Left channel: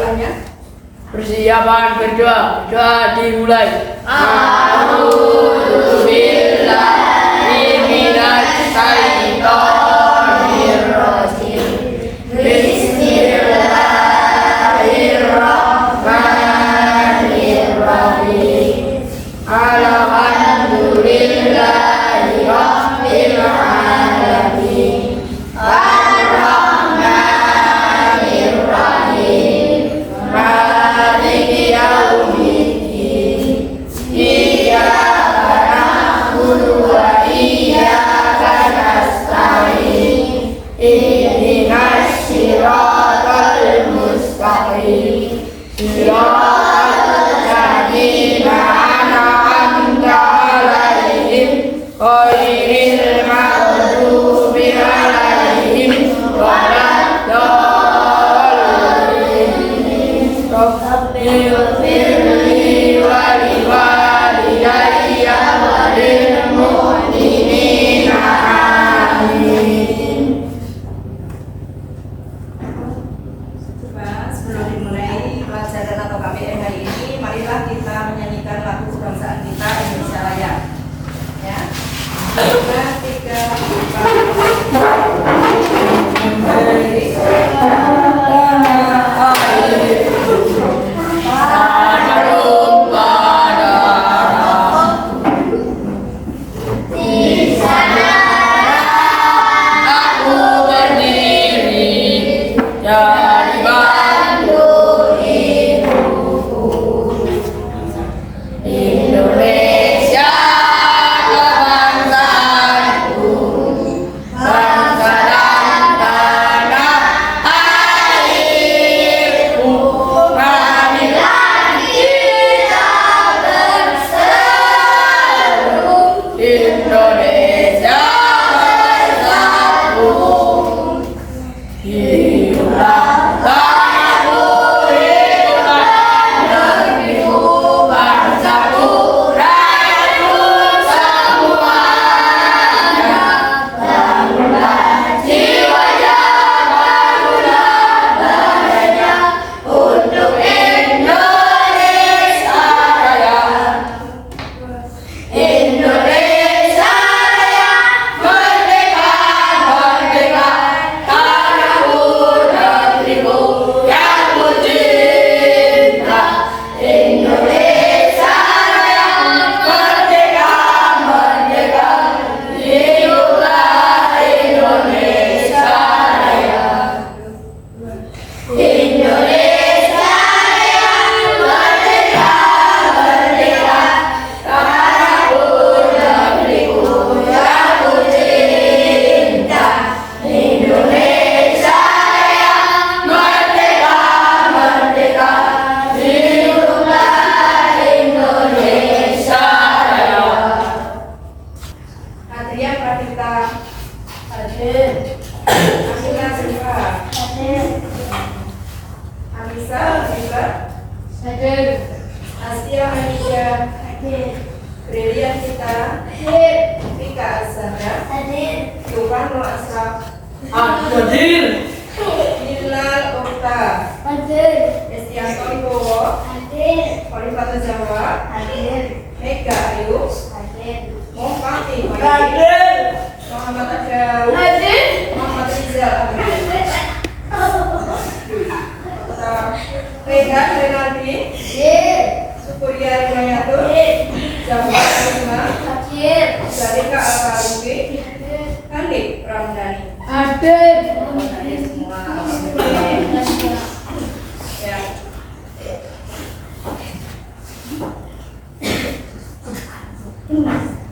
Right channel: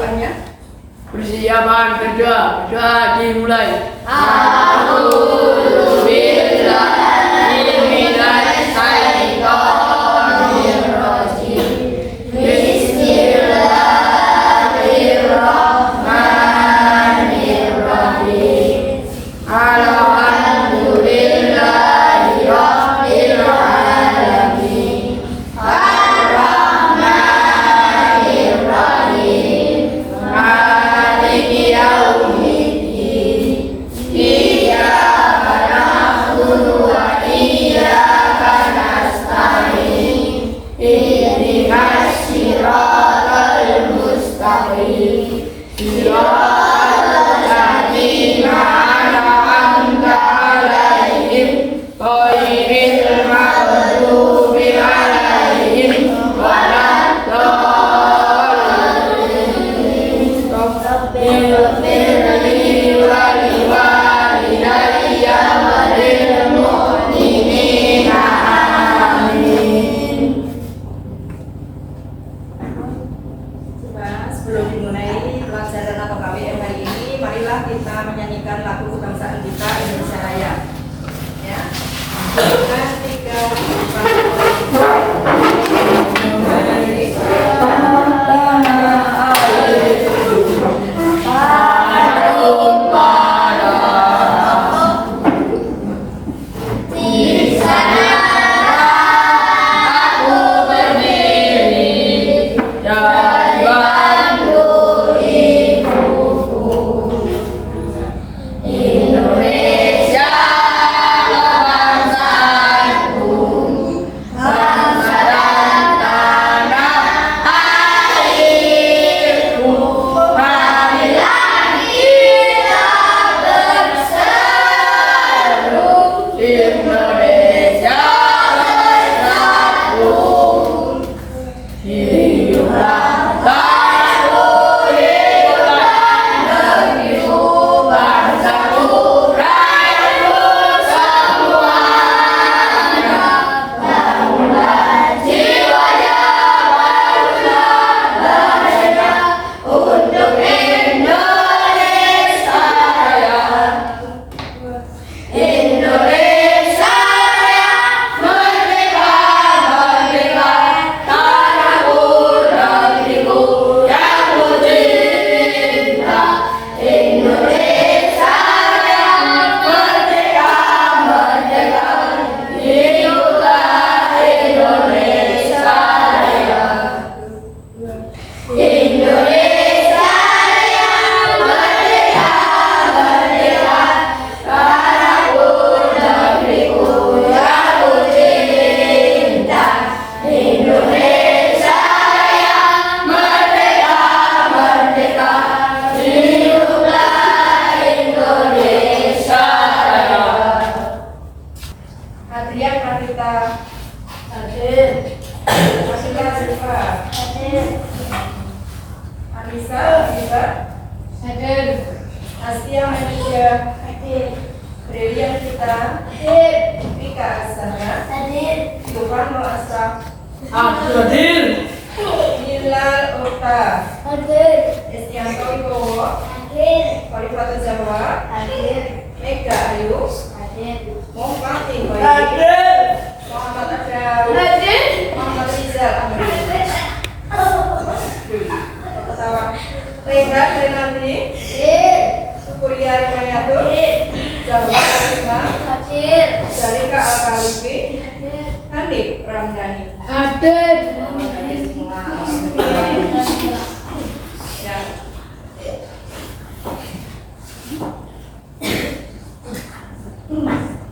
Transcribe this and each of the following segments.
doanya. Persiapan berdoa. Doa dimulai. Sebelum dimulai pelajaran atau KBM hari ini, marilah kita menyanyikan lagu kebangsaan kita Indonesia Raya. Ya. 2, 3,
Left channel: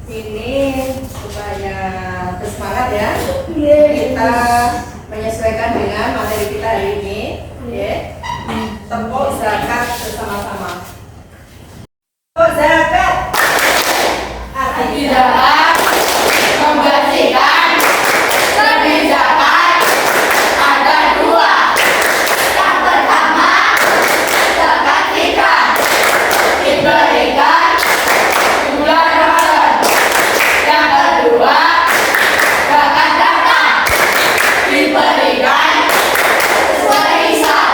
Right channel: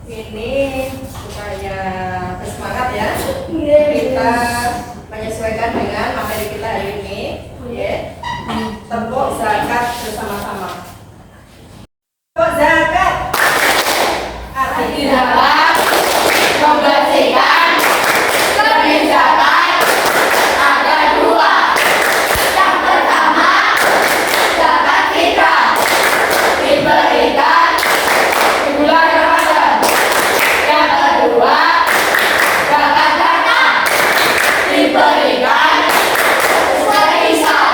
ini supaya bersemangat ya. Kita menyesuaikan dengan materi kita hari ini. Ya. Tepuk zakat bersama-sama. Tepuk zakat. Arti zakat membersihkan. Lebih zakat ada dua. Yang pertama zakat fitrah diberikan di bulan Ramadan. Yang kedua zakat zakat diberikan sesuai hisab.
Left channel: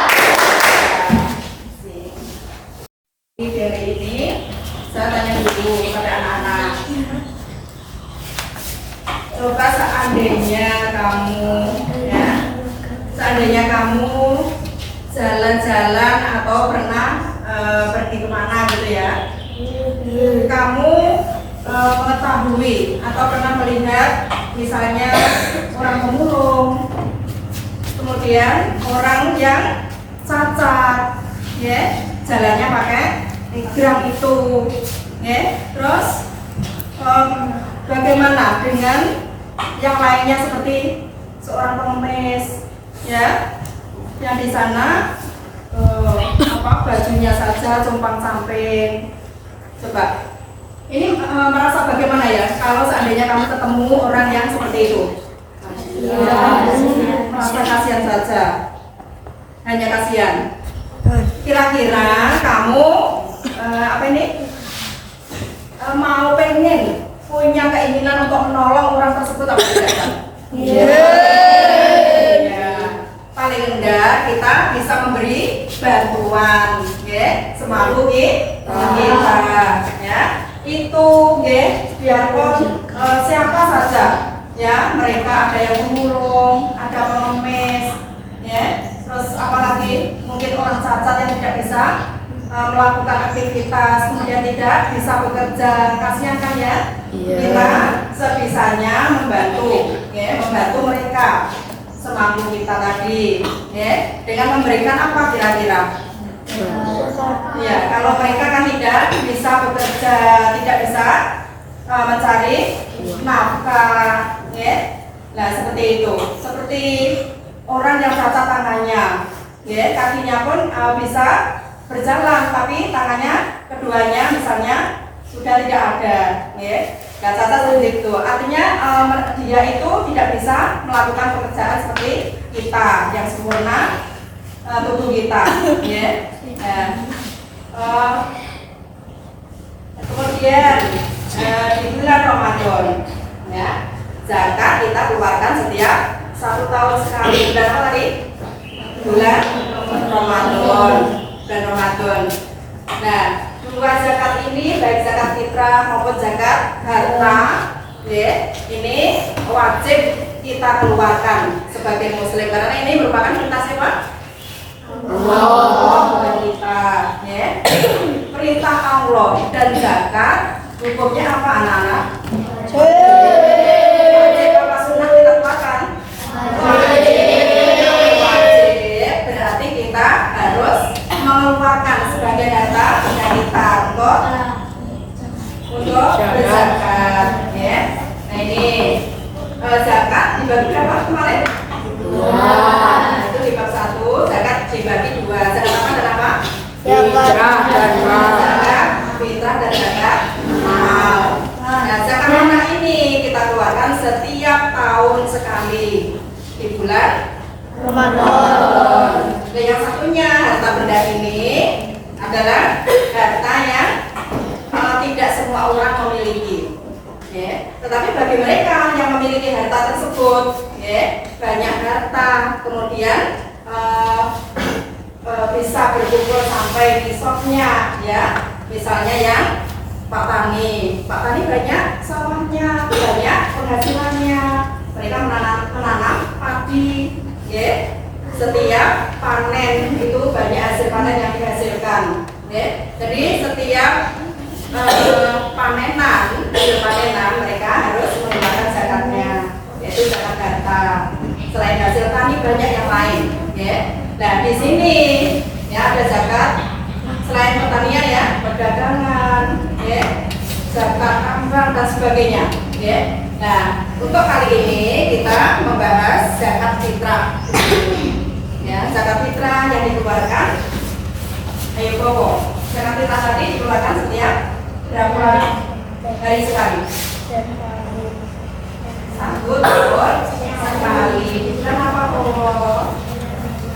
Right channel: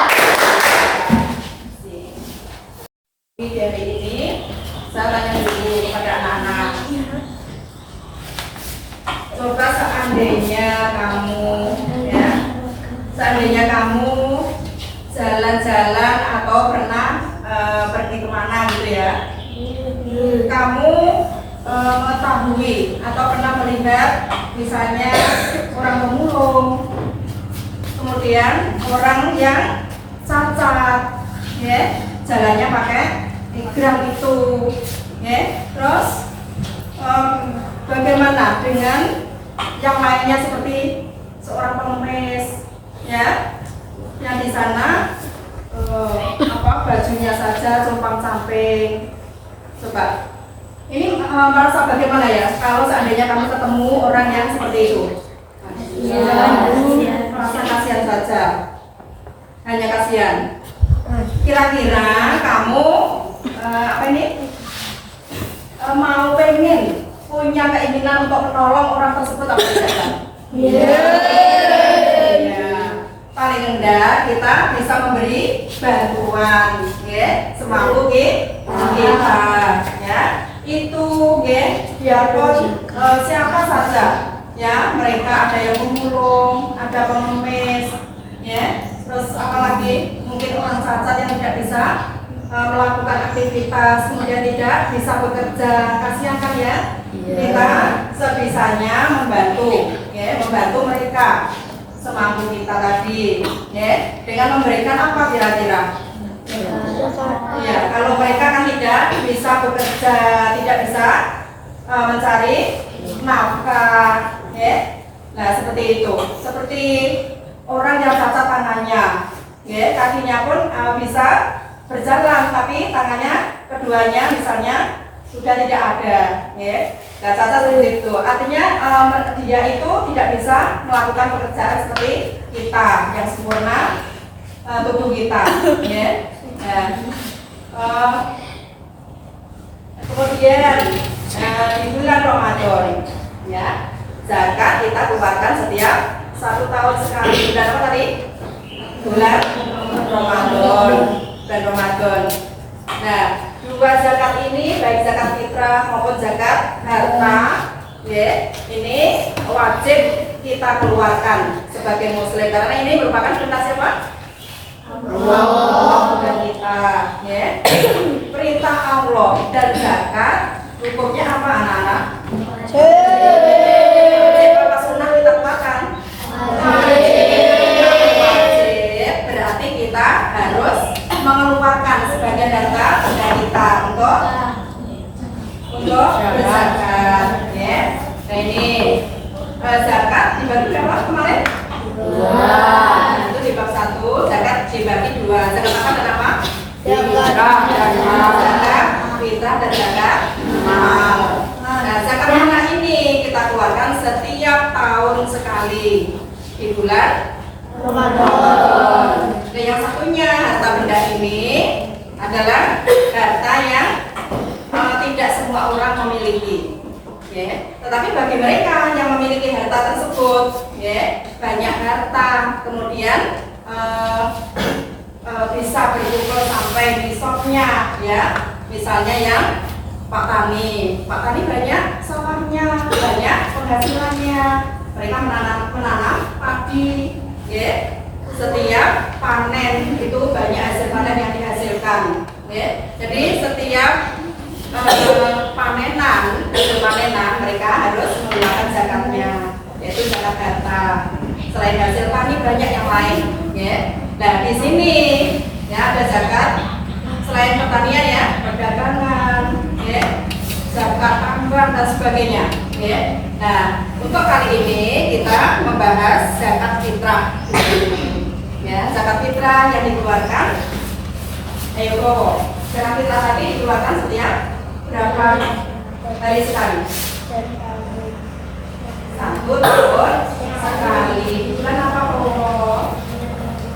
kamu jalan-jalan atau pernah pergi kemana gitu ya, kamu mengetahui atau pernah melihat misalnya orang pemulung, kemudian orang yang cacat, ya, jalannya pakai gram itu, ya. Terus bagaimana dengan yang lainnya seperti seorang pengemis, ya, yang di sana bajunya saja compang camping. Coba ini merasa bagaimana ya kalau seandainya kamu ketemu orang yang seperti itu? Merasa kasihan saja, hanya kasihan. Kira-kira kamu mau pengen punya keinginan untuk menolong orang tersebut apa tidak? Paling rendah kita bisa memberi bantuan, ya, semampu kita, ya. Itu, ya, biarpun siapa saja, ya, mereka ada yang pemulung, ada pengemis, ya, terus apalagi mungkin orang cacat yang tidak bisa melakukan aktivitas, kemudian tidak bisa bekerja, kasihan kan ya? Kita sebisanya membantu, ya, membantu mereka semampu kita tadi, ya, dengan memberikan apa kira-kira? Ya, kalau mereka kan tidak bisa bekerja, tidak bisa mencari nafkah, ya. Nah, seperti itu. Seperti orang yang cacat tangannya, ya, kakinya pun bisa berjalan, tapi tangannya keduanya misalnya sudah tidak ada, ya. Nah, cacat seperti itu. Artinya dia itu tidak bisa melakukan pekerjaan seperti kita yang sempurna tubuh kita, ya. Kemudian di bulan Ramadan, ya, zakat kita keluarkan setiap 1 tahun sekali. Bulan apa tadi? Bulan Ramadan. Bulan Ramadan. Nah, dua zakat ini baik zakat fitrah maupun zakat harta, ya, ini wajib kita keluarkan sebagai muslim karena ini merupakan perintah siapa? Allah, bukan kita, ya. Perintah Allah dan zakat hukumnya apa anak-anak? Wajib apa sunnah kita keluarkan? Wajib, berarti kita harus mengeluarkan sebagai harta benda kita untuk berzakat, ya. Nah, ini zakat dibagi berapa kemarin? 2. Itu di bab 1, zakat dibagi 2. Zakat apa dan apa? Fitrah dan mal. Zakat fitrah dan zakat mal. Nah, zakat mana ini kita keluarkan setiap tahun sekali di bulan Ramadan. Nah, yang satunya harta benda ini adalah harta yang tidak semua orang memiliki, ya. Tetapi bagi mereka yang memiliki harta tersebut, ya, banyak harta, kemudian bisa berkumpul sampai nisabnya, ya. Misalnya yang Pak Tani banyak sawahnya, banyak penghasilannya, mereka menanam padi, ya. Setiap panen itu banyak hasil panen yang dihasilkan, ya. Jadi setiap hasil panenan mereka harus mengeluarkan zakatnya, yaitu zakat harta. Selain hasil tani banyak yang lain, ya. Nah, di sini, ya, ada zakat selain pertanian, ya, perdagangan, ya, zakat tambang dan sebagainya, ya. Nah, untuk kali ini kita membahas zakat fitrah, ya, zakat fitrah yang dikeluarkan. Ayo Koko, zakat fitrah tadi dikeluarkan setiap berapa hari sekali? 1 tahun sekali. Bulan apa Koko?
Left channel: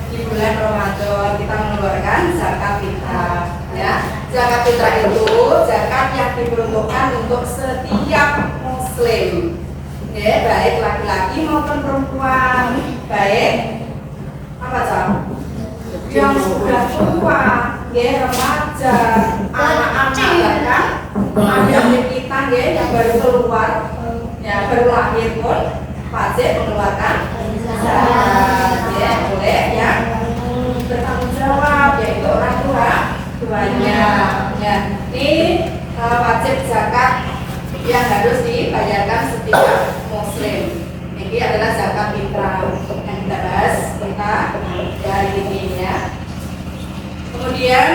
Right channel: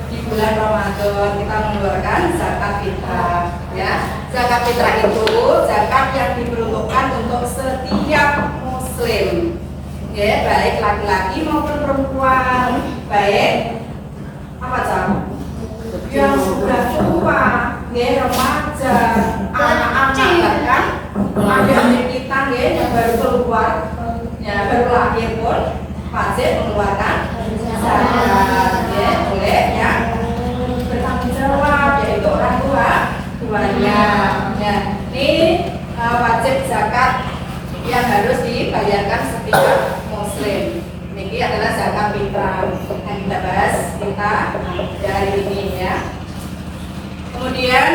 Di bulan Ramadan kita mengeluarkan zakat fitrah, ya. Zakat fitrah itu zakat yang diperuntukkan untuk setiap muslim, ya, baik laki-laki maupun perempuan, baik apa cara? Yang sudah tua, ya, remaja, anak-anak, bahkan adik-adik kita, ya, yang baru keluar, ya, baru lahir pun wajib mengeluarkan zakat, ya, oleh yang bertanggung jawab yaitu orang tuanya. Ya, ini wajib zakat yang harus dibayarkan setiap muslim. Ini adalah zakat fitrah yang kita bahas hari ini ya. Kemudian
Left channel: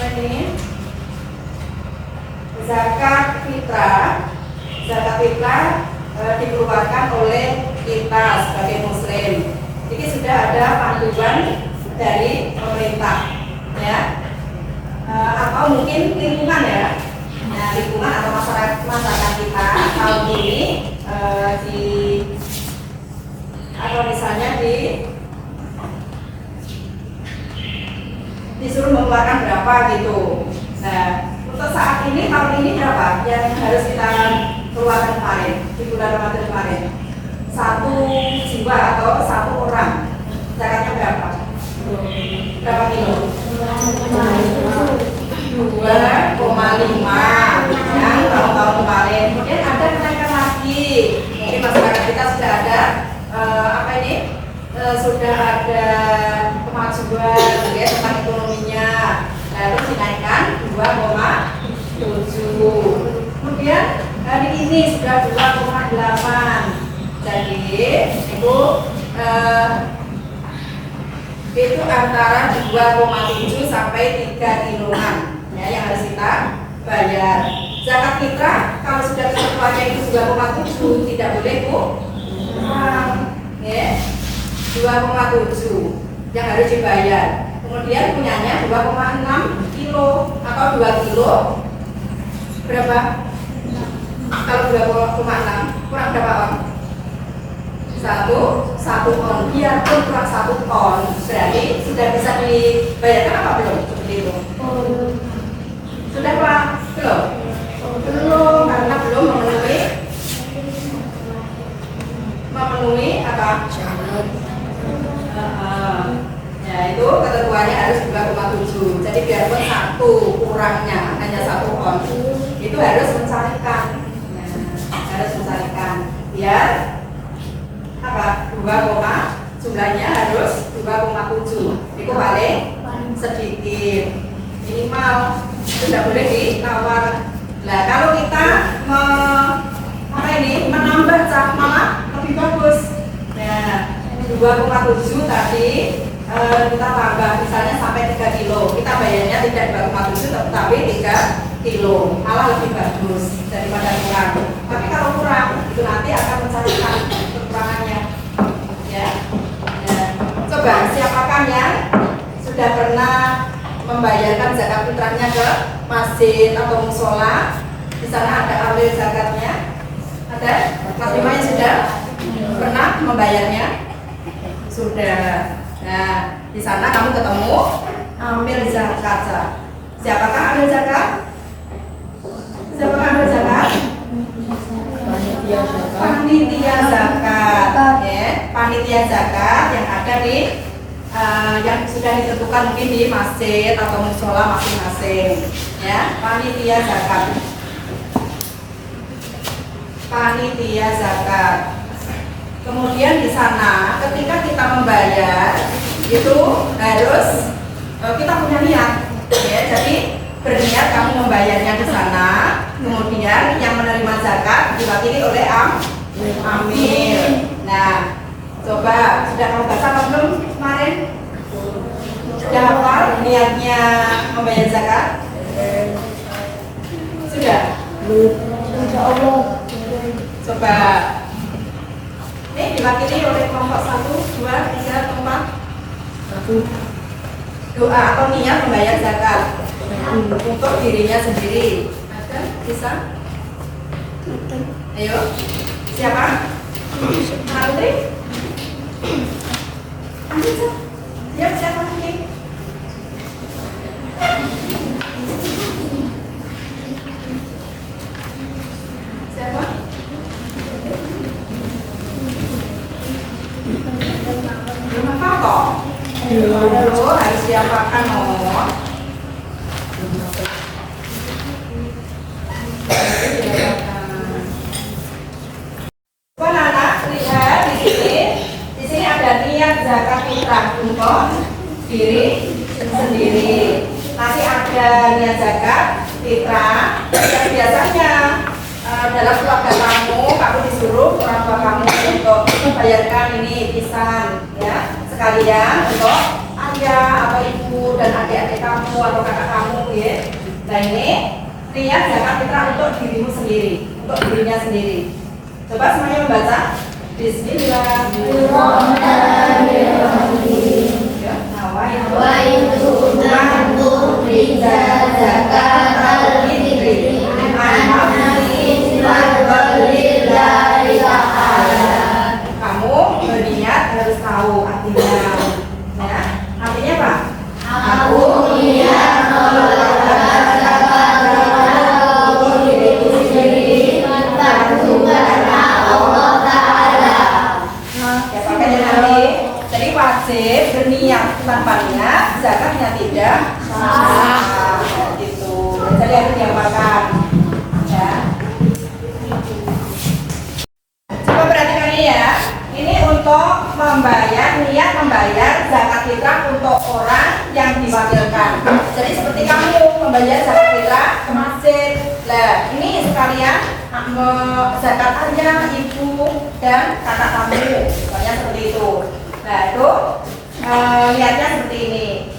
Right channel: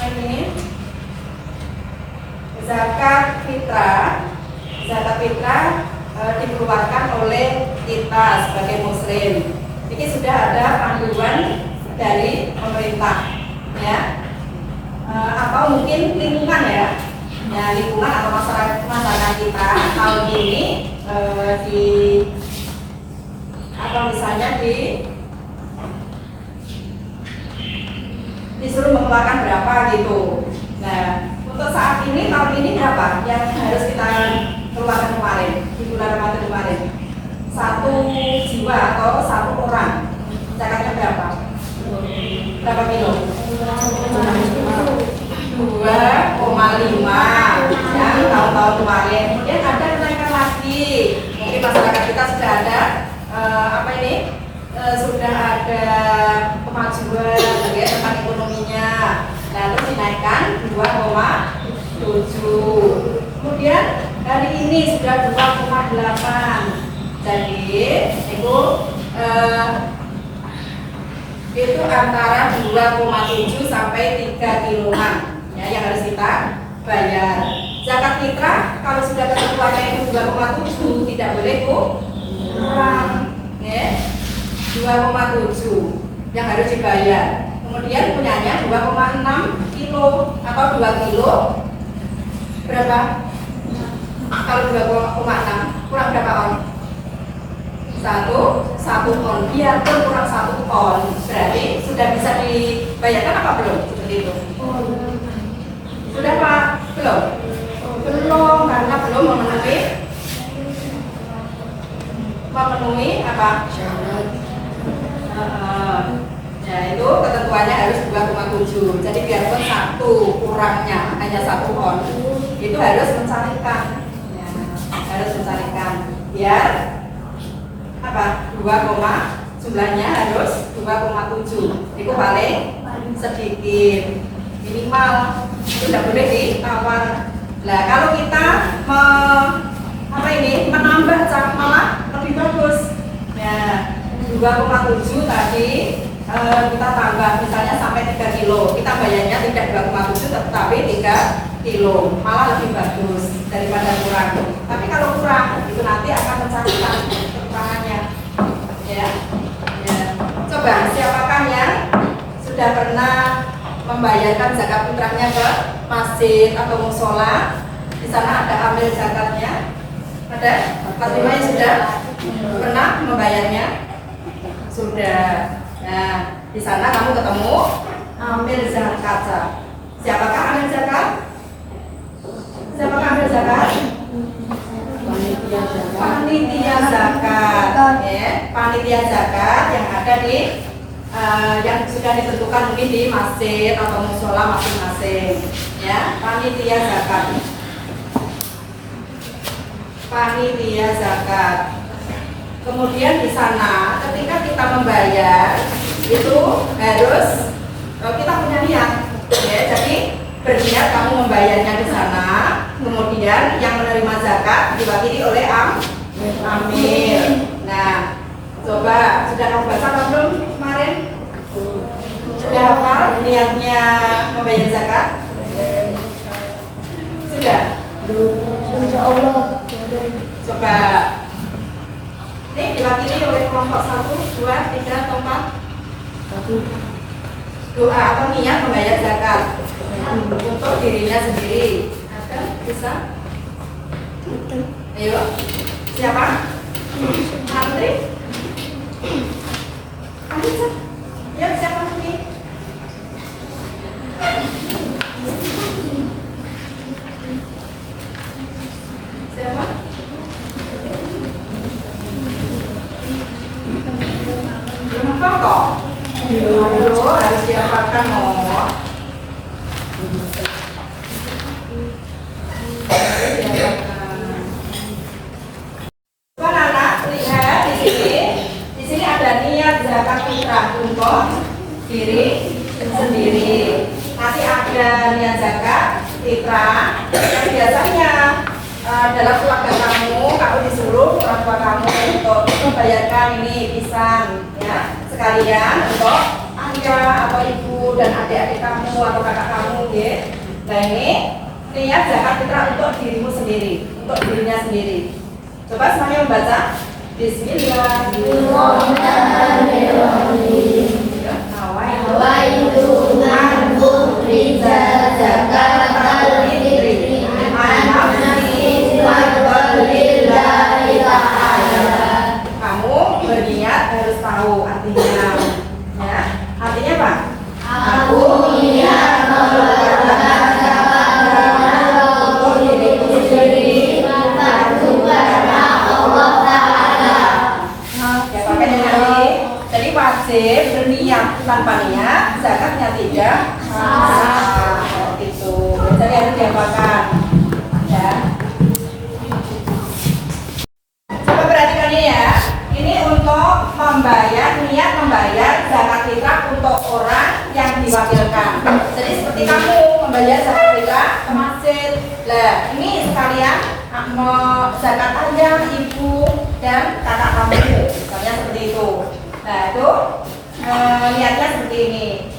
ini zakat fitrah dikeluarkan oleh kita sebagai muslim. Ini sudah ada panduan dari pemerintah ya, atau mungkin lingkungan ya, lingkungan atau masyarakat kita tahun ini atau misalnya disuruh mengeluarkan berapa gitu. Nah, untuk saat ini tahun ini berapa yang harus kita keluarkan kemarin di bulan Ramadan kemarin? 1 jiwa atau 1 orang zakatnya berapa? Berapa kilo? 2,5 yang tahun-tahun kemarin. Kemudian ada kenaikan lagi. Mungkin masyarakat kita sudah ada sudah ada kemajuan ya tentang ekonominya. Lalu dinaikkan 2,7. Kemudian hari ini sudah 2,8. Jadi itu antara 2,7 sampai 3 kiloan ya, yang harus kita bayar. Zakat fitrah kalau sudah ketentuannya itu 2,7 tidak boleh kurang ya, 2,7 yang harus dibayar. Kemudian punyanya 2,6 kilo atau 2 kilo berapa? Kalau 2,6 kurang berapa on? 1 on, biarpun kurang 1 on berarti sudah bisa dibayarkan apa belum? Seperti itu sudah Pak? Belum, karena belum memenuhi apa? Ya itu ketentuannya harus 2,7. Jadi biarpun 1 kurangnya hanya 1 on itu harus mencarikan ya, biar apa? 2, jumlahnya harus 2,7. Itu paling sedikit, minimal tidak boleh ditawar. Nah kalau kita menambah malah lebih bagus ya, 2,7 tadi kita tambah misalnya sampai 3 kilo, kita bayarnya tidak 2,7 tetapi 3 kilo, malah lebih bagus daripada kurang. Tapi kalau kurang itu nanti akan mencarikan kekurangannya ya. Coba siapakah yang sudah pernah membayarkan zakat fitrahnya ke masjid atau musola? Di sana ada ambil zakatnya. Ada? Mas Bima yang sudah pernah membayarnya? Sudah. Nah, di sana kamu ketemu ambil zakat. Siapakah ambil zakat? Siapakah ambil zakat? Panitia zakat. Ya, panitia zakat yang ada di yang sudah ditentukan mungkin di masjid atau musola masing-masing. Ya, panitia zakat. Panitia zakat. Kemudian di sana ketika kita membayar itu harus kita punya niat ya, jadi berniat kamu membayarnya di sana, kemudian yang menerima zakat diwakili oleh amil. Nah coba sudah kamu baca atau belum kemarin? Sudah hafal niatnya membayar zakat? Sudah? Insya Allah. Coba ini diwakili oleh kelompok 1, 2, 3, atau 4. Doa atau niat membayar zakat untuk dirinya sendiri. Ada? Bisa? Ayo. Siapa? Andri? Andri, ya siapa ini? Siapa? Belum apa kok? Dulu harus diapakan oh. Coba anak lihat di sini niat zakat fitrah untuk diri sendiri. Nanti ada niat zakat fitrah yang biasanya dalam keluarga kamu disuruh orang tua kamu untuk membayarkan ini pisan ya, sekalian untuk ayah atau ibu dan adik-adik kamu atau kakak kamu ya. Nah ini niat zakat fitrah untuk dirimu sendiri, untuk dirinya sendiri. Coba semuanya membaca. Bismillahirrahmanirrahim. Ya, nawaitu an ukhrija zakatal fitri an nafsi wa lillahi ta'ala. Kamu berniat harus tahu artinya. Ya, artinya apa? Aku niat mengeluarkan zakat untuk diriku sendiri fardu karena Allah Ta'ala. Ya makanya nanti jadi wajib berniat, tanpa niat zakatnya tidak sah. Itu jadi harus diapakan ya. Coba perhatikan ini ya. Ini untuk niat membayar zakat fitrah untuk orang yang diwakilkan. Jadi seperti kamu membayar zakat fitrah ke masjid. Lah, ini sekalian zakat ayah, ibu, dan kakak kamu. Misalnya seperti itu. Nah, itu niatnya seperti ini.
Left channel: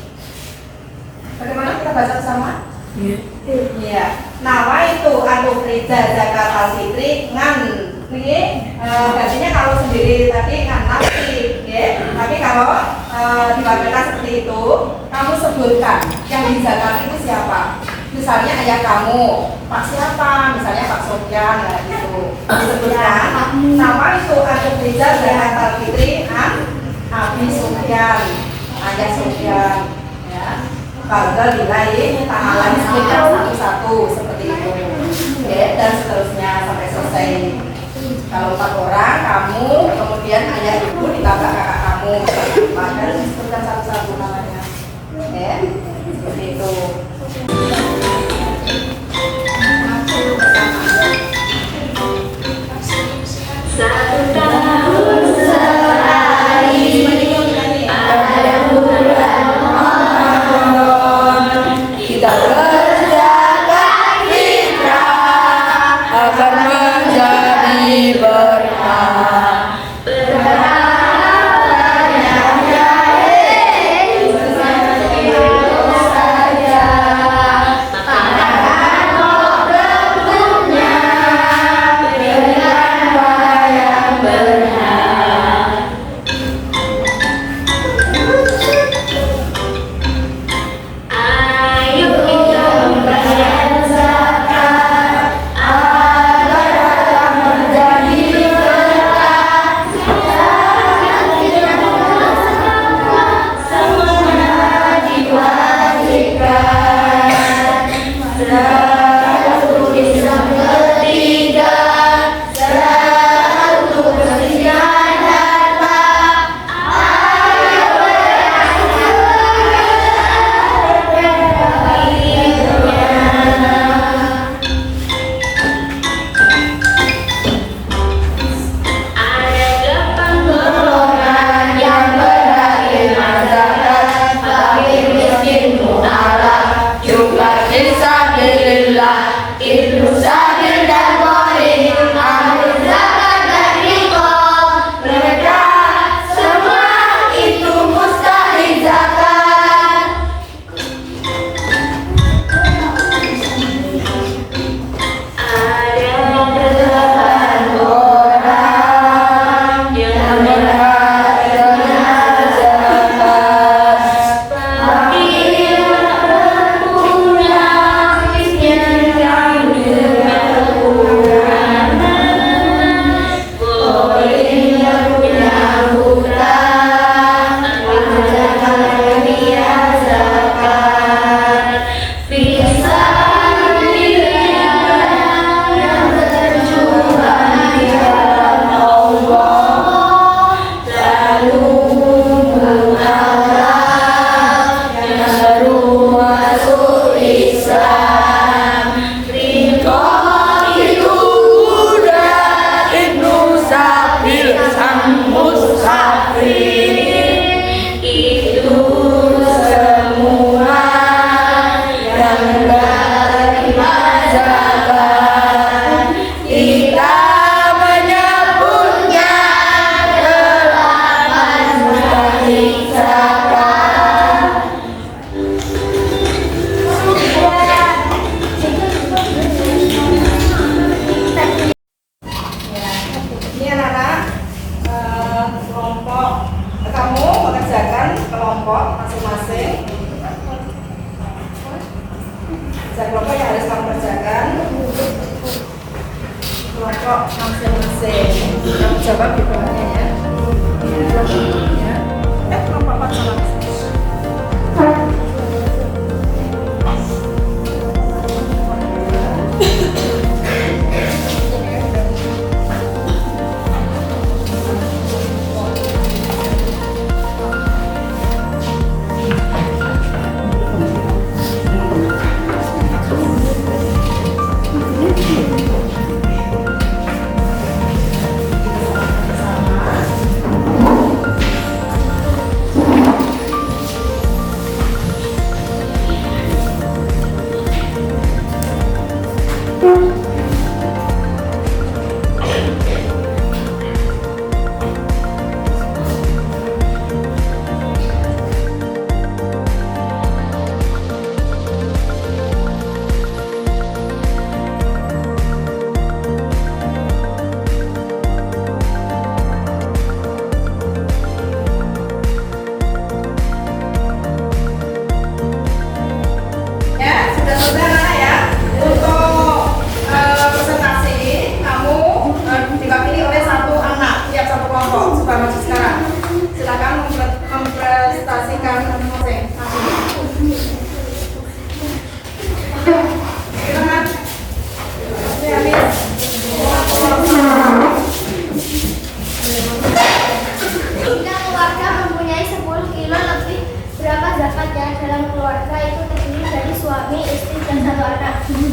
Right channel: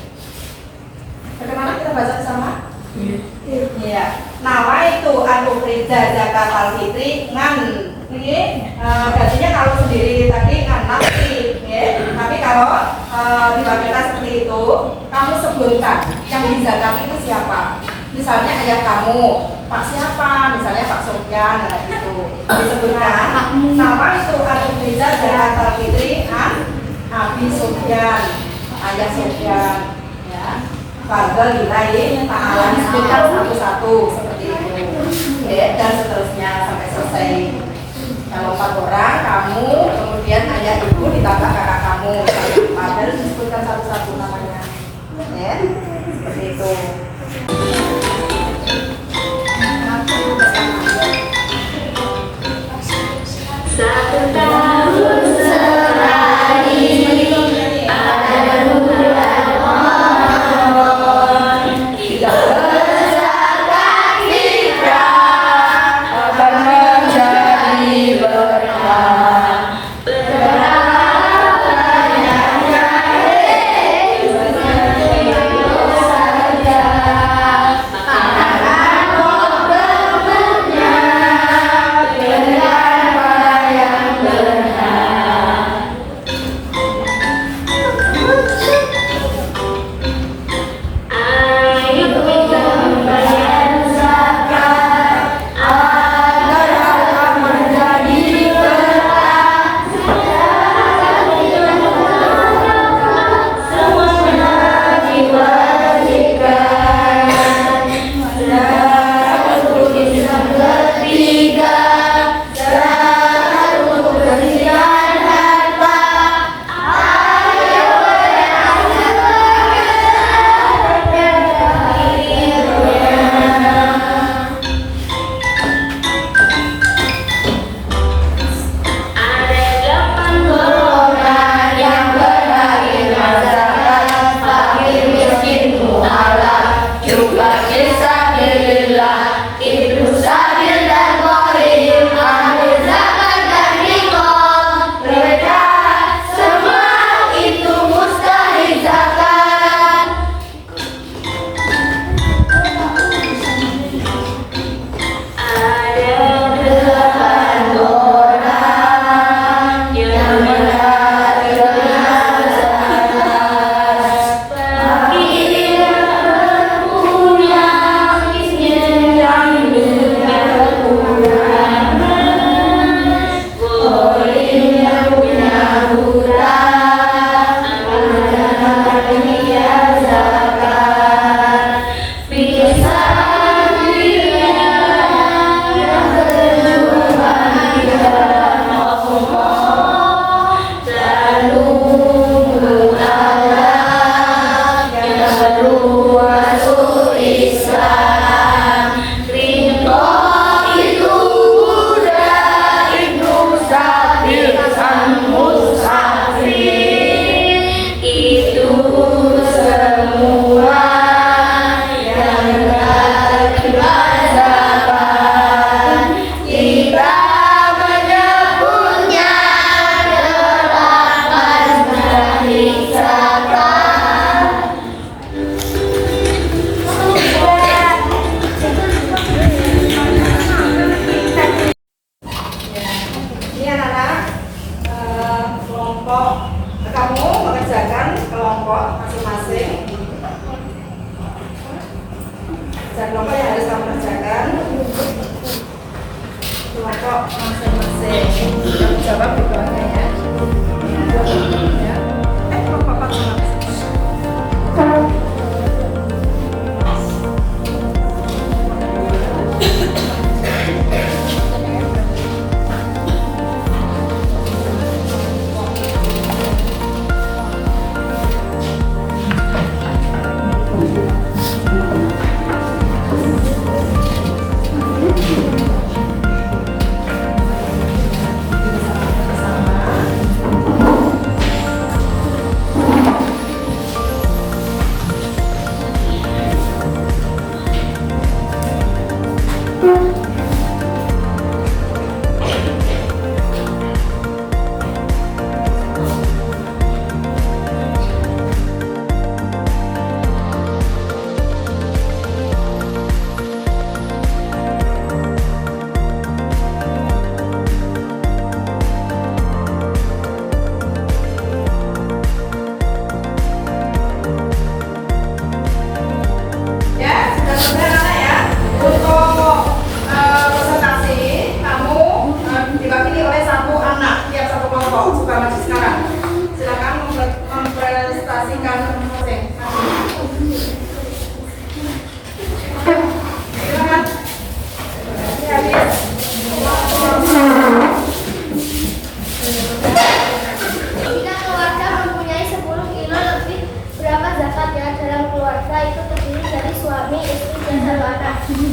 Bagaimana kita baca bersama? Iya. Nawaitu an ukhrija zakatal fitri ngan. Ini gantinya kalau sendiri tadi ngan nafsi, ya. Tapi kalau diwakilkan seperti itu, kamu sebutkan yang dizakati itu siapa. Misalnya ayah kamu, Pak siapa? Misalnya Pak Sofyan, nah gitu. Disebutkan nama itu an ukhrija zakatal fitri an Abi Sofyan, ayah Sofyan, ya. Fardal lillahi ta'ala, disebutkan satu-satu seperti itu, ya, dan seterusnya sampai selesai. Kalau 4 orang, kamu, kemudian ayah ibu ditambah kakak kamu, harus disebutkan satu-satu namanya, ya, seperti itu. Satu tahun sekali. Berapa kelompok yang harus kamu kerjakan. Kelompok masing-masing. Kamu jawab di bawahnya ya. Ya. Kelompok apa sama?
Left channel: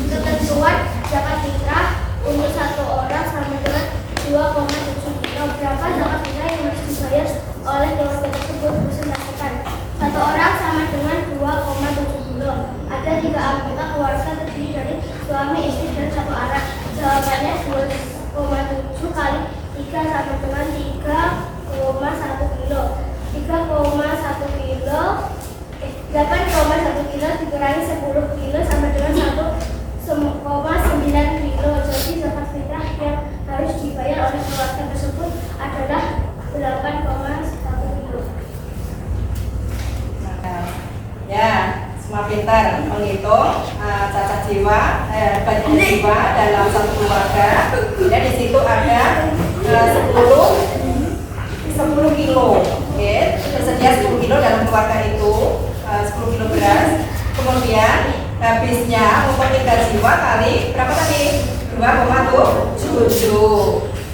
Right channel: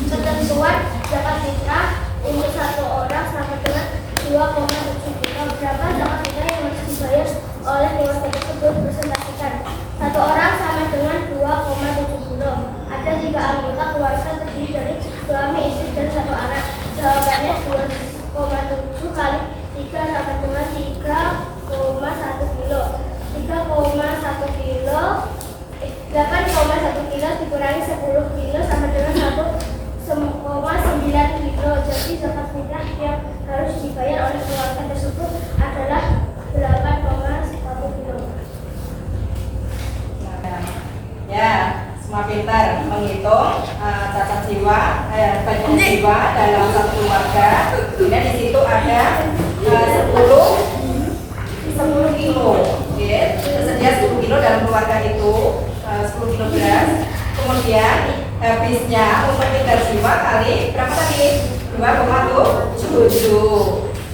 Ketentuan zakat fitrah untuk satu orang sama dengan 2,7 juta. Berapa zakat fitrah yang harus dibayar oleh keluarga tersebut? Presentasikan. Satu orang sama dengan 2,7 kilo. Ada 3 anggota keluarga terdiri dari suami, istri, dan 1 anak. Jawabannya 2,7 kali 3 sama dengan 3,1 kilo. 3,1 kilo 8,1 kilo dikurangi 10 kilo sama dengan 1,9 kilo. Jadi zakat fitrah yang harus dibayar oleh keluarga tersebut adalah 8,1 kilo. Ya, semua pintar menghitung cacat jiwa, bagian jiwa dalam satu keluarga. Kemudian di situ ada 10 kilo. Tersedia 10 kilo dalam keluarga itu. 10 kilo beras, kemudian habisnya untuk 3 jiwa kali berapa tadi? 2,7.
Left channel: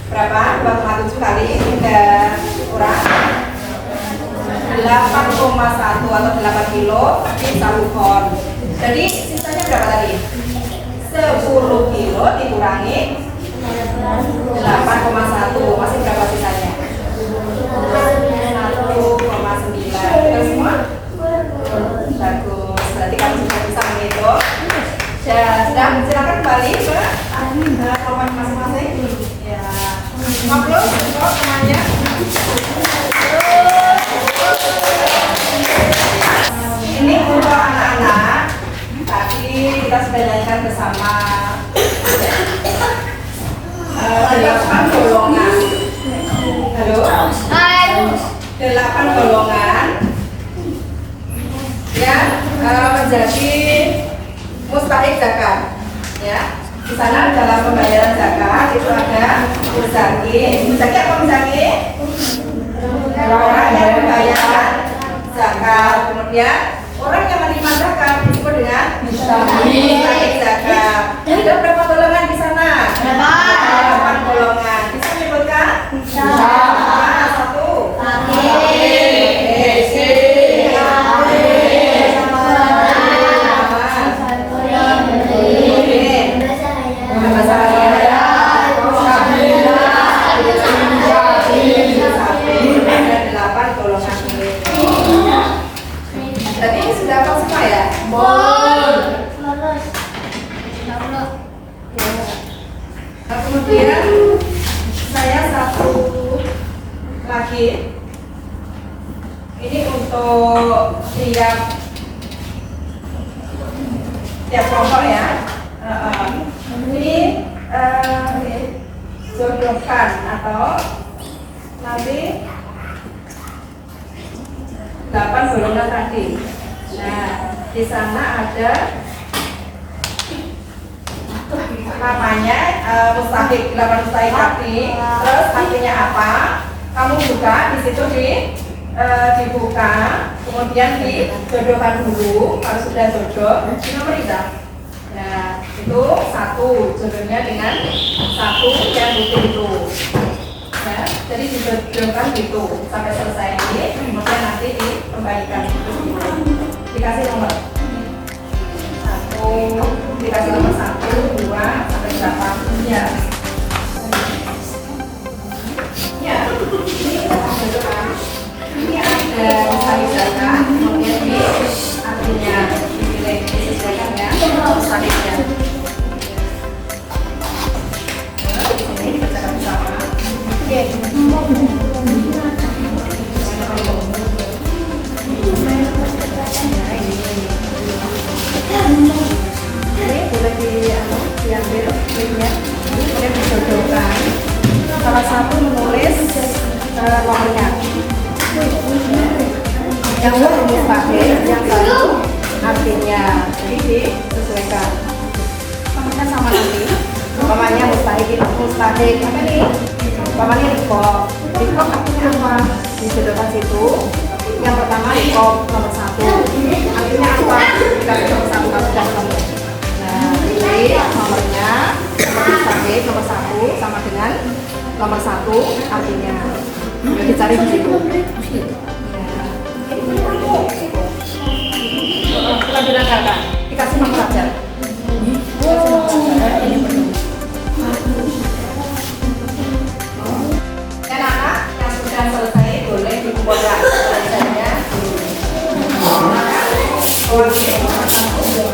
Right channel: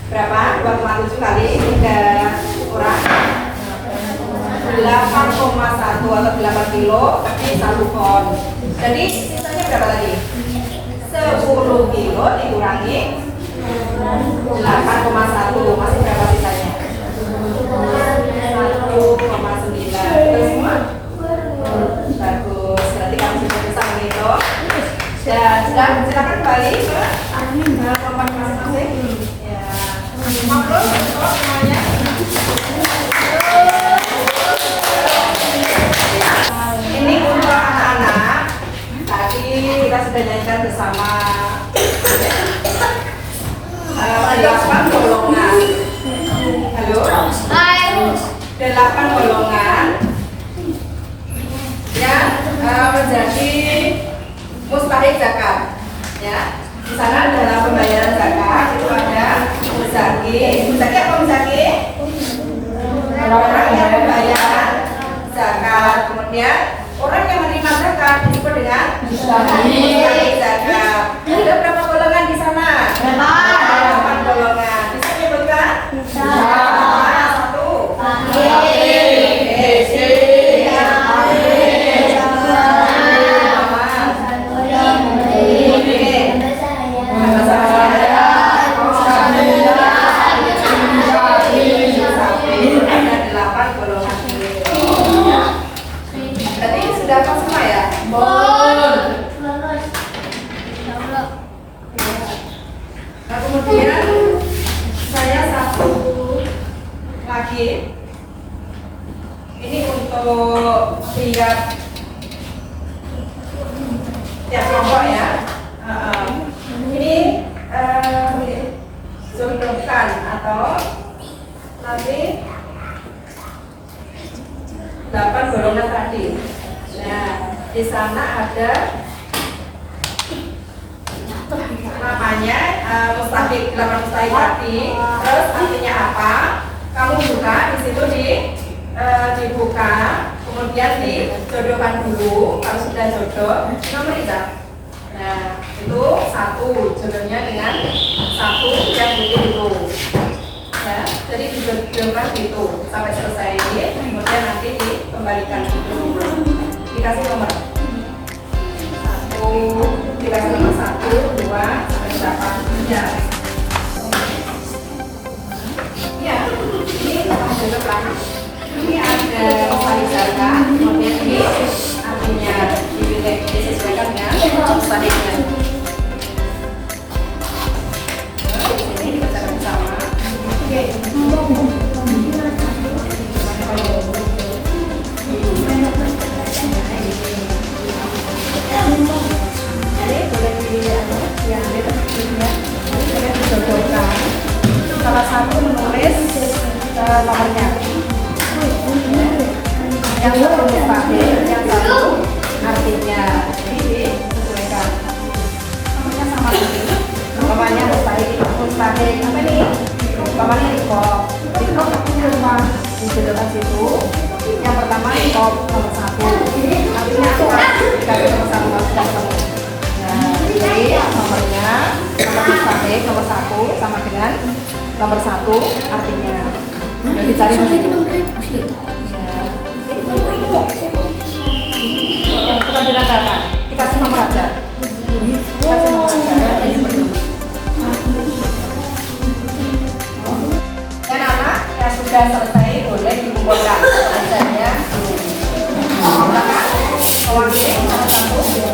Berapa? 2,7 kali 3 kurang 8,1 atau 8 kilo di 1 ton. Jadi sisanya berapa tadi? 10 kilo dikurangi 8,1, masih berapa sisanya? 1,9. Terus semua? Bagus, berarti kamu sudah bisa menghitung. Sudah, silakan kembali ke kelompok masing-masing. Ya, ngobrol untuk semuanya. Ini untuk anak-anak. Tadi kita sudah nyanyikan bersama 8 golongan. Halo? 8 golongan yang menjadi mustahik zakat. Ya, di sana dalam pembayaran zakat itu ada muzaki. Muzaki apa muzaki? Orang yang membayar zakat. Kemudian orang yang menerima zakat disebut dengan mustahik zakat. Ada berapa golongan di sana? 8 golongan. Bisa disebutkan? Satu. Tadi sudah apa semua ya? Nah, kemudian saya satu lagi. Ini untuk tiap kelompok ya. Ini jumlahkan atau nanti 8 golongan tadi. Nah, di sana ada namanya mustahik, bilangan mustahik tadi. Terus artinya apa? Kamu buka di situ dibuka, kemudian dijodohkan dulu. Kalau sudah jodoh, nomor itu. Nah, itu 1 jodohnya dengan 1 yang butuh itu. Ya, jadi dijodohkan gitu sampai selesai ini, kemudian nanti dikembalikan gitu. Dikasih nomor 1, dikasih nomor 1, 2 sampai 8. Ya. Ya, ini jodohkan. Ini ada salibaka, kemudian ini artinya dipilih disesuaikan dengan salibnya. Ini dikerjakan bersama. Jadi boleh diambil linknya, kemudian dijodohkan. Salah satu menulis nomornya. Yang satu mustahil, yang satu artinya. Jadi disesuaikan. Nomornya sama nanti. Namanya mustahil apa nih? Namanya rikop. Rikop artinya apa? Dijodohkan situ. Yang pertama rikop nomor 1. Artinya apa? Dikasih nomor 1 kalau sudah ketemu. Nah, jadi nomornya nomor mustahil nomor 1 sama dengan nomor 1 artinya. Udah dicari di situ. Kelanjutan kakak, dikasih nomor aja. Dikasih nomor aja. Ini perlu. Dan anak yang sudah selesai boleh dikumpulkan pelajarannya. Kakak, boleh nomor 1.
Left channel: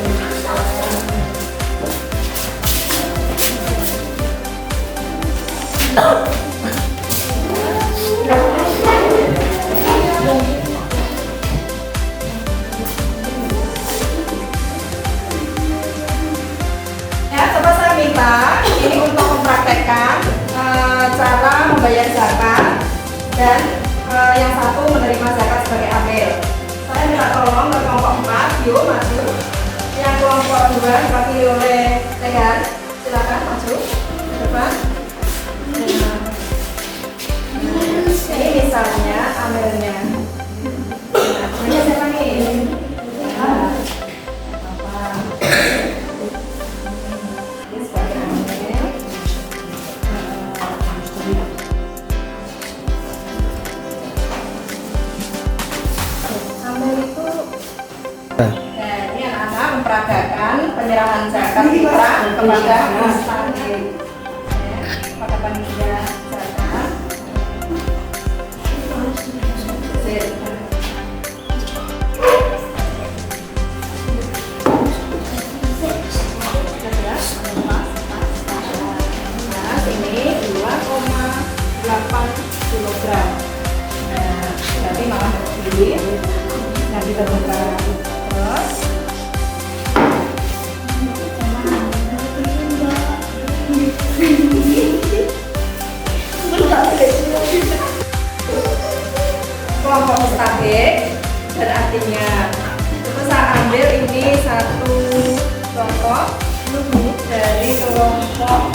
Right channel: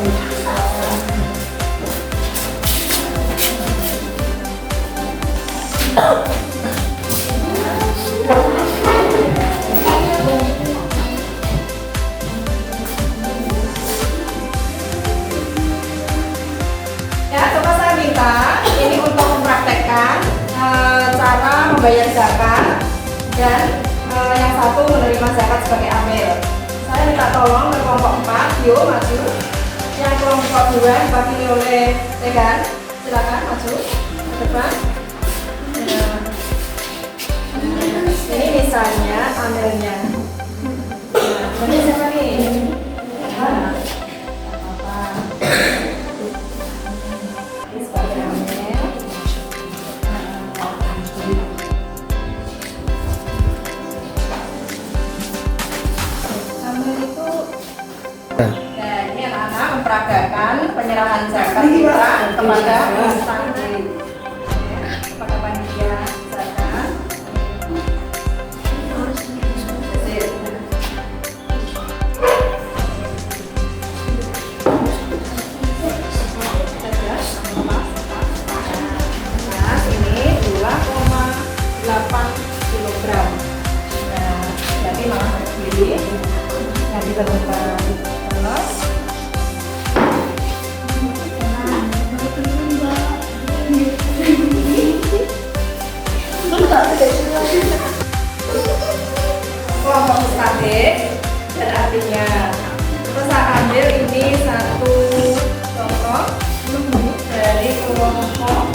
Ya, coba saya minta ini untuk mempraktekkan cara membayar zakat dan yang satu menerima zakat sebagai amil. Saya minta tolong ke kelompok 4, yuk maju. Yang kelompok 2 diwakili oleh Tegan, silakan maju ke depan. Ini misalnya amilnya. Nah, siapa nih? Ini anak-anak memperagakan penyerahan zakat kita kepada mustahil. Kepada panitia zakat. Ini 2,8 kilogram. Nah, jadi malah sendiri. Nah, kita buka terus. Kelompok mustahik dan artinya terus saya ambil ini satu contoh dari kelompok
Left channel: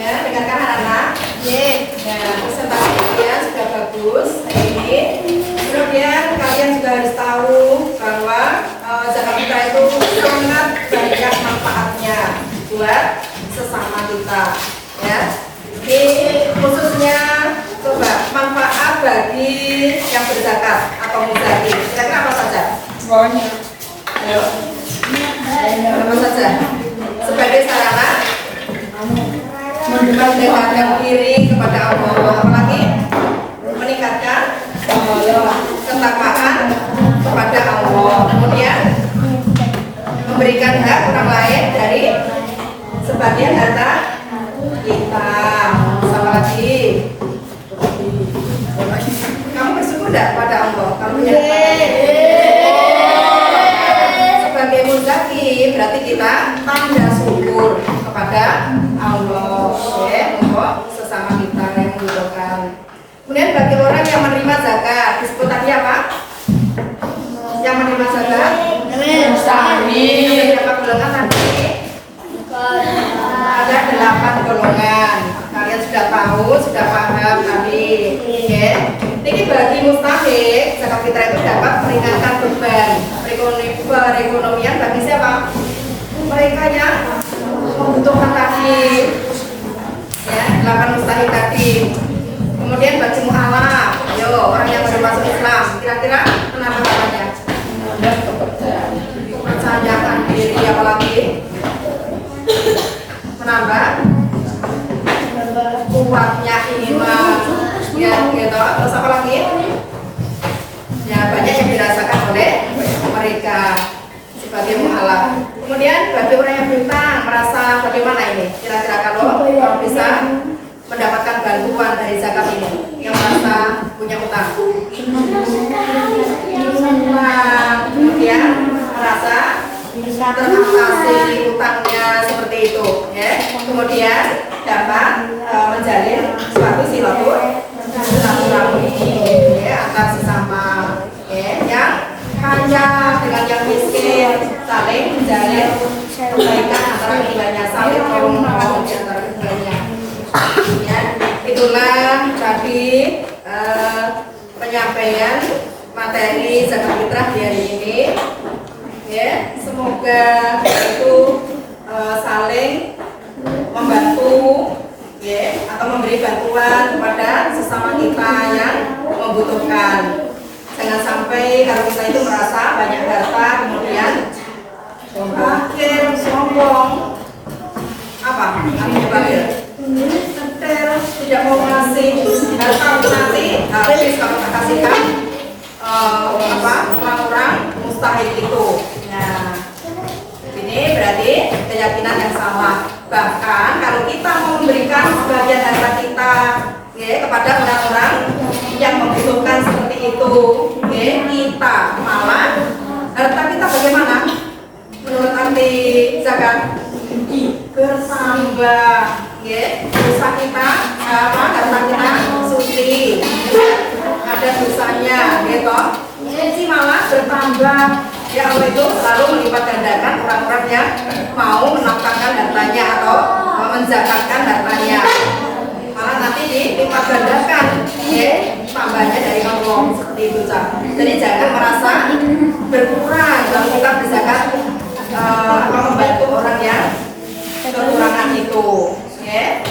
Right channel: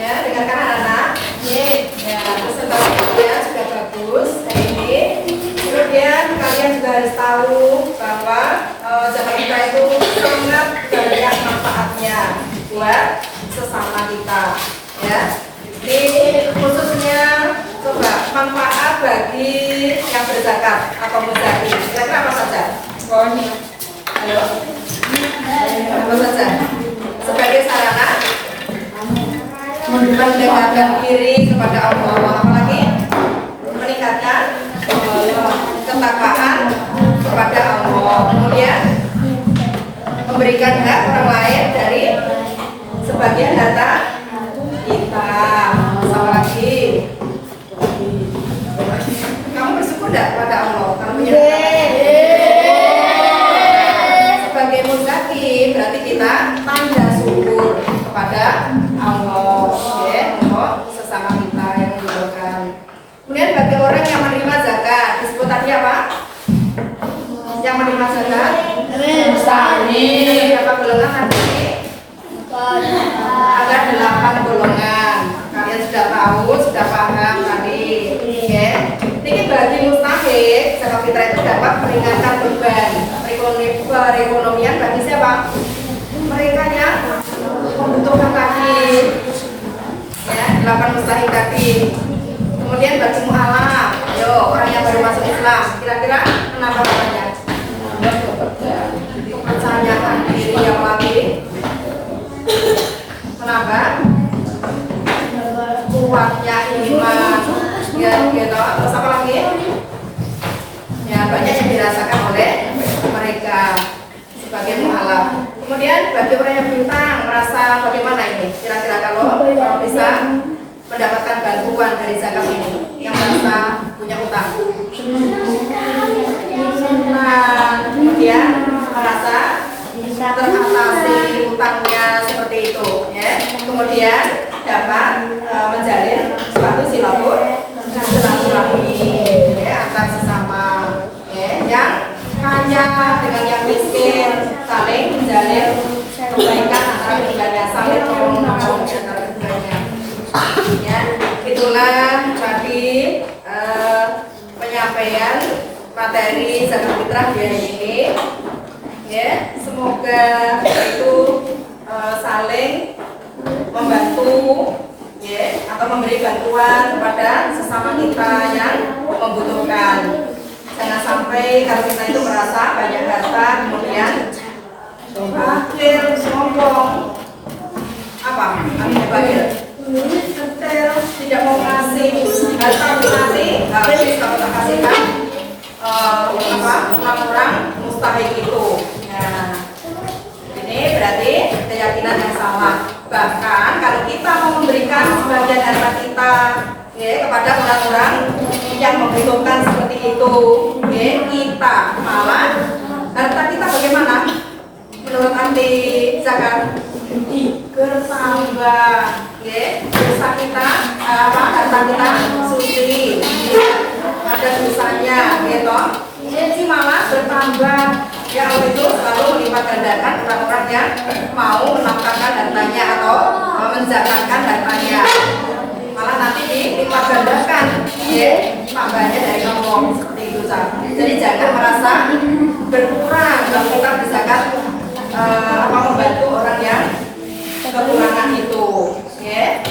ya, dengarkan anak-anak. Ini ya, presentasinya sudah bagus hari ini. Kemudian kalian juga harus tahu bahwa zakat fitrah itu sangat banyak manfaatnya buat sesama kita, ya. Ini khususnya coba manfaat bagi yang berzakat atau muzaki. Kira-kira apa saja? Halo. Apa saja? Sebagai sarana mendekatkan diri kepada Allah, apalagi meningkatkan ketakwaan kepada Allah, kemudian memberikan hak orang lain dari sebagian harta kita. Sama lagi, kamu bersyukur tidak pada Allah? Kamu punya sebagai muzaki berarti kita tanda syukur kepada Allah, ya, untuk sesama kita yang membutuhkan. Kemudian bagi orang yang menerima zakat disebut tadi apa? Mustahi. Berapa golongan tadi? Ada 8 golongan. Kalian sudah tahu, sudah paham tadi. Oke. Ini bagi mustahik, zakat fitrah itu dapat meringankan beban perekonomian bagi siapa? Mereka yang membutuhkan tadi. Ya, 8 mustahik tadi. Kemudian bagi mu'alaf, ayo orang yang baru masuk Islam, kira-kira kenapa namanya? Kepercayaan diri, apalagi menambah kuatnya iman, ya gitu. Terus apa lagi? Ya banyak yang dirasakan oleh mereka sebagai mu'alaf. Kemudian bagi orang yang bintang merasa bagaimana ini? Kira-kira kalau bisa mendapatkan bantuan dari zakat ini, yang merasa punya utang, kemudian merasa teratasi utangnya seperti itu, ya. Kemudian dapat menjalin suatu silaturahmi ya, antar sesama, ya. Yang kaya dengan yang miskin saling menjalin kebaikan antara keduanya, saling tolong menolong antara keduanya. Ya, itulah tadi penyampaian materi zakat fitrah di hari ini. Ya, semoga itu saling membantu, ya, atau memberi bantuan kepada sesama kita yang membutuhkan. Jangan sampai kalau kita itu merasa banyak harta kemudian akhir sombong, apa? Akhirnya bakil, detail, tidak mau kasih harta nanti habis kalau tak kasihkan orang-orang mustahik itu. Nah, ini berarti keyakinan yang salah. Bahkan kalau kita mau memberikan sebagian harta kita, ya, kepada orang-orang yang membutuhkan seperti itu, ya, kita malah harta kita bagaimana? Menurut anti zakat bertambah, ya, dosa kita harta kita suci, ada dosanya, gitu. Jadi malah bertambah. Ya Allah itu selalu melipat gandakan orang-orang yang mau menafkahkan hartanya atau menzakatkan hartanya. Malah nanti dilipat gandakan, ya, tambahnya dari Allah seperti itu. Jadi jangan merasa berkurang dalam kita berzakat, membantu orang yang kekurangan itu, ya.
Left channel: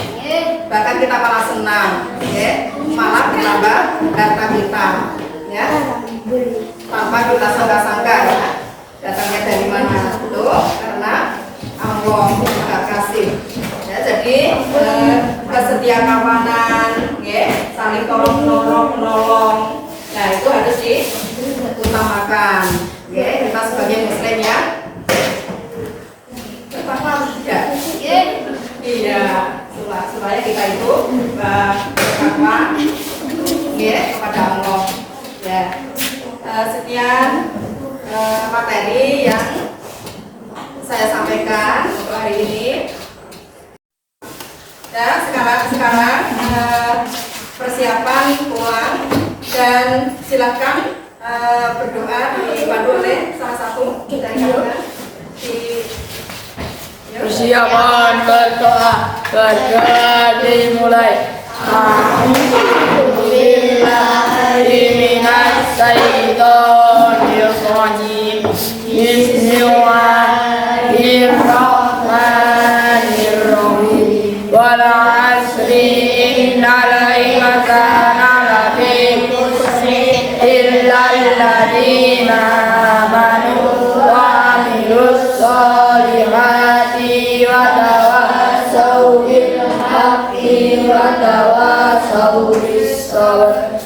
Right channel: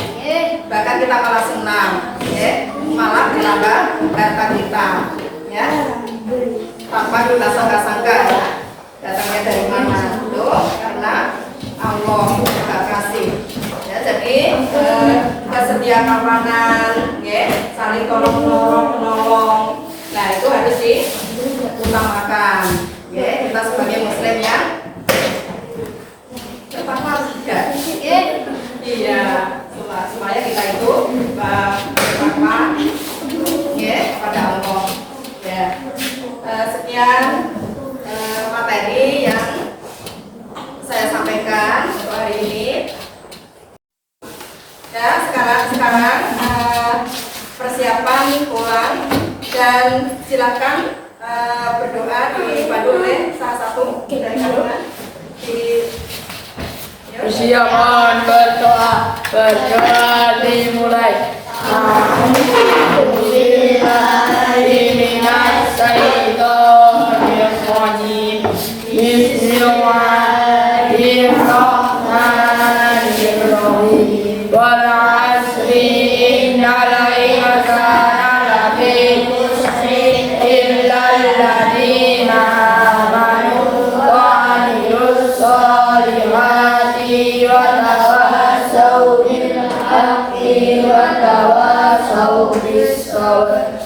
Bahkan kita malah senang, ya, malah bertambah harta kita, ya, tanpa kita sangka-sangka, ya, datangnya dari mana itu karena Allah Maha Kasih, ya. Jadi kesetia kawanan, ya, saling tolong menolong, nah itu harus diutamakan, ya. Kita sebagai muslim ya pertama tidak, iya, supaya kita itu bertakwa, ya, kepada Allah, ya. Sekian materi yang saya sampaikan untuk hari ini. Ya, sekarang persiapan pulang dan silakan berdoa dipandu oleh salah satu dari kalian. Persiapan berdoa dimulai. Bismillahirrahmanirrahim. Bismillahirrahmanirrahim. Wal 'asri innal insana lafi khusrin illa alladziina aamanu wa 'amilus shalihati wa tawassaw bil haqqi wa tawassaw bis sabr.